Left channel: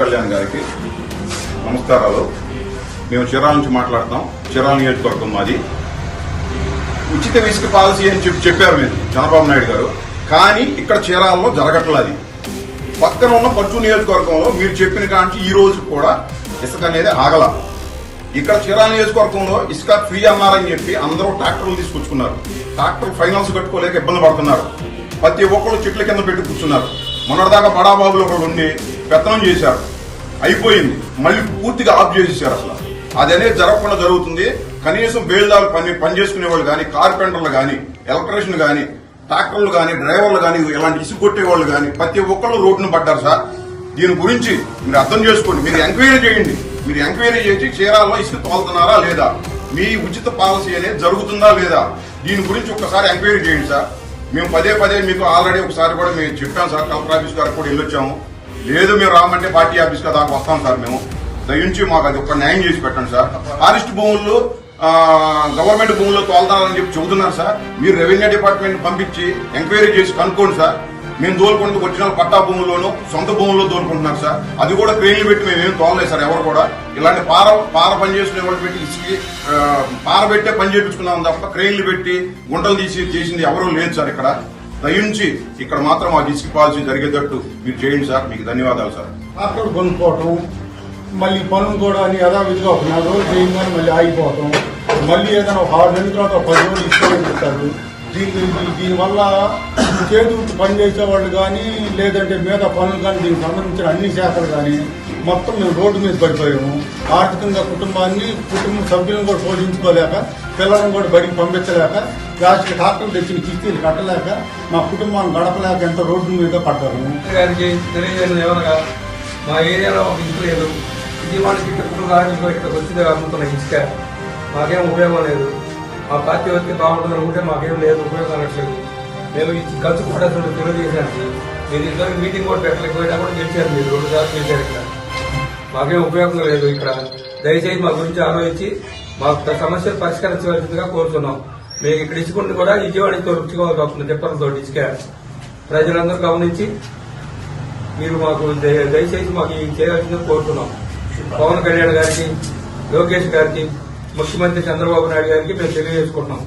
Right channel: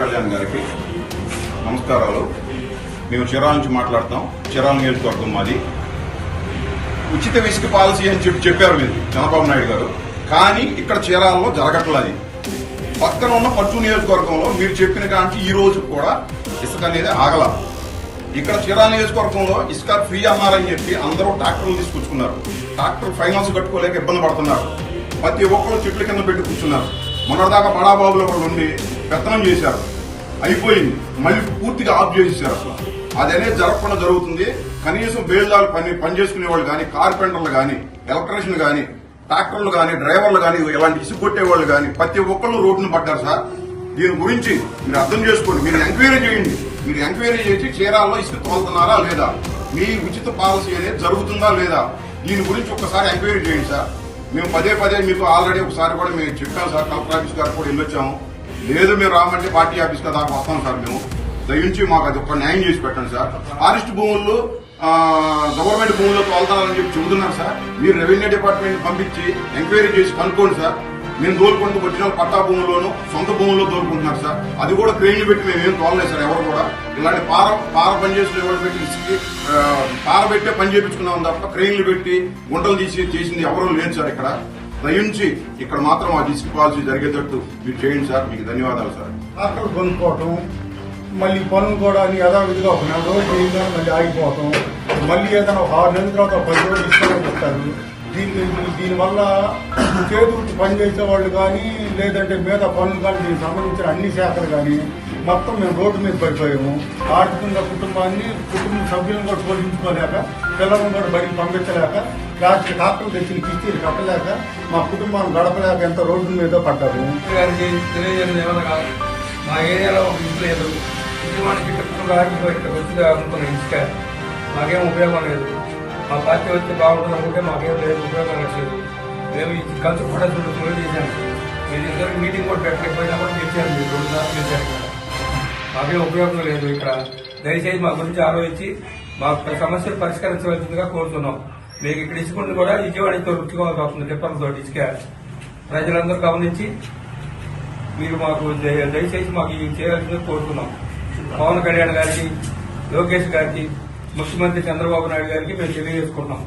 కళ్యాణ్ గారికి నమస్కారాలు. మేము చిరాల నుంచి మాట్లాడతాం. చిరాల నియోజకవర్గం మాది. ఉచిత ఇసుక పాలసీ అని చెప్పి చెప్పారు మీరు చంద్రబాబు నాయుడు గారు. కానీ ఇక్కడ చీరాలలో జరగట్లేదు అది. పక్కన ఉన్న పచ్చు నియోజకవర్గంలో మీరు చెప్పిన కాంచి ఈ రోజు కూడా ఇసుక అనేది ఆగల. ఇక్కడ చీరాల నియోజకవర్గంలో ఇసుక ఫ్రీ అన్నారని చెప్పి అందరూ ట్రాక్టర్లు తీసుకొచ్చుకున్నారు. ట్రాక్టర్ ఫైనాన్స్ కట్టుకోలేక ఇబ్బంది పడుతున్నారు. ప్రతి ఒక్కరు చెట్ల కింద పెట్టి కూర్చున్నారు. మొన్నటిదాకా బడాబాబులు ఒకరు ఉండి పెత్తనం చేశారు. అయిపోయింది. మళ్ళీ పూర్తిగా ఆఫ్ చేసేసారు అసలు. అది అనేది జరగకుండా జరుగుతుంది. కనీసం బేల్దారు పని పని చేసుకునే వాళ్ళు కానీ కార్పెంటర్లు కానీ ఎలక్ట్రీషియన్ కానీ ట్రాక్టర్లు కానీ డ్రైవర్లు కానీ ఇలాంటి ఇసుక కొట్టే వాళ్ళు కానీ ప్రతి ఒక్కళ్ళు రోడ్డును పడ్డారు సార్. దీని గురించి మీరు అర్థం చేసుకోండి. మీరు ఎంక్వైరీ చేయండి. మీరు ఎంక్వైరీ చేసి చీరాల్లో ఇసుక తోలుతున్నారా లేదా? మీ ఉచిత పాలసీ అనేది జరుగుతుందా లేదా? దీని గురించి ఒక్కసారి ఎంక్వైరీ చేయండి సార్. మేము పదే పదే మీకు ఆల్రెడీ ఒకసారి కూడా మేము చెప్పాం సార్ కలెక్టర్ ఆఫీస్ గారు కూడా వెళ్ళొచ్చాము. లేదు మీరు రామంటే పార్టీ ఆఫీస్ దాకా వస్తాం సార్ మేము. దయించి మాకు అది ఒక న్యాయం చేసి పెట్టండి సార్. ఫారెస్ట్ భూముల్లో గవర్నమెంట్ భూముల్లో తోలుతారని చెప్పి చెబుతున్నారు సార్. మీరు రెవెన్యూ డిపార్ట్మెంట్ పంపించి ఎంక్వైరీ చేసి కనుక్కోండి సార్. మేము దోలుకుంటూ వచ్చిన పట్టా భూముల్లోనూ సొంత భూముల్లో దోలుకుంటున్నారు సార్. అది కూడా క్రెయిన్లు పెట్టి మేము ఏం తోలలేదు సార్ ఎవరు కూడా. ఇలాంటి పార పార పని చేసుకునే ఎవరు పెట్టి ఇసుకి పార పెట్టే పని చేయించుకున్నాం తప్ప క్రెయిన్లు పెట్టి గుంటలు తీసి చేసింది ఎవరూ లేదు సార్ ఇక్కడ. దయించి ఇక్కడ మాత్రం ఆ ఇసుక పాలసీ జరిగేటట్టు మీరు చేయండి సార్. మీకు ధన్యవాదాలు సార్. అక్కడ కొనుక్కోవటం మళ్ళీ పనులు కూడా యథావిధిగా ఒక నెల రోజులు చేయంగానే మళ్ళీ ఆగిపోవటం మళ్ళీ ఏదైనా ఒక ఆరు నెలల తర్వాత పది రోజులు ఇస్తామని చెప్తారు దీని దీనివల్ల చేతులతో పని చేసే వాళ్ళు కానీ లేదంటే మీద పనులు కానీ దీనికి సంబంధించిన అన్ని శాఖలు కానీ మొత్తం మేము రోడ్డు మీద పడిపోయాము. ఆర్థికంగా కుటుంబాన్ని కుటుంబ సభ్యులను కూడా పోషించుకోలేక పిల్లలను కూడా బడికి పంపించలేక లాస్ట్ డాక్టర్లు తెచ్చిన కిస్తీలు కట్టలేక మా కుటుంబాన్ని గడపలేక ఎంత రోడ్డు మీద పడ్డాము. గారికి మా ఏరియాలో ఒక ఇల్లు లేదు. ఇది మనకి ఇప్పుడు రాజకీయ వచ్చింది కాకుండా ఇసుక మాకేం ఉపయోగం లేదు. మా పార్టీ వస్తే బాగుంటుంది అనుకుంటే మాకేం లేదు ఉపయోగం అనట్లేదు నేను కలిసి కూడా తెలియజేశాను. మీరు ఇద్దరికి మీటింగ్ కూడా పెట్టలేదు కూడా గెలిచారు మీరు. రెండు సార్లు గెలిచారు ఇక్కడ. మాకేం ఉపయోగం లేదు ఇక్కడ. దయచేసి మా గురించి ఆలోచించి మా సమస్యలు పరిష్కరించవలసిందిగా కోరుతున్నాం. మీకు ఇక్కడ ఇసుకుంటే కూడా విజయవాడతో ఇంకో రుచికోవాల్సి వస్తుంది టిప్పర్లతో ఇసుక. ప్రజలందరూ గమనించి మీరు మాకు దయచేసి మాకు ఈ కోరుతున్నాం. పవన్ కళ్యాణ్ గారికి లోకేష్ గారికి ముఖ్యమంత్రి చంద్రబాబు నాయుడు గారికి మేము తెలియజేసుకుంటున్నాం.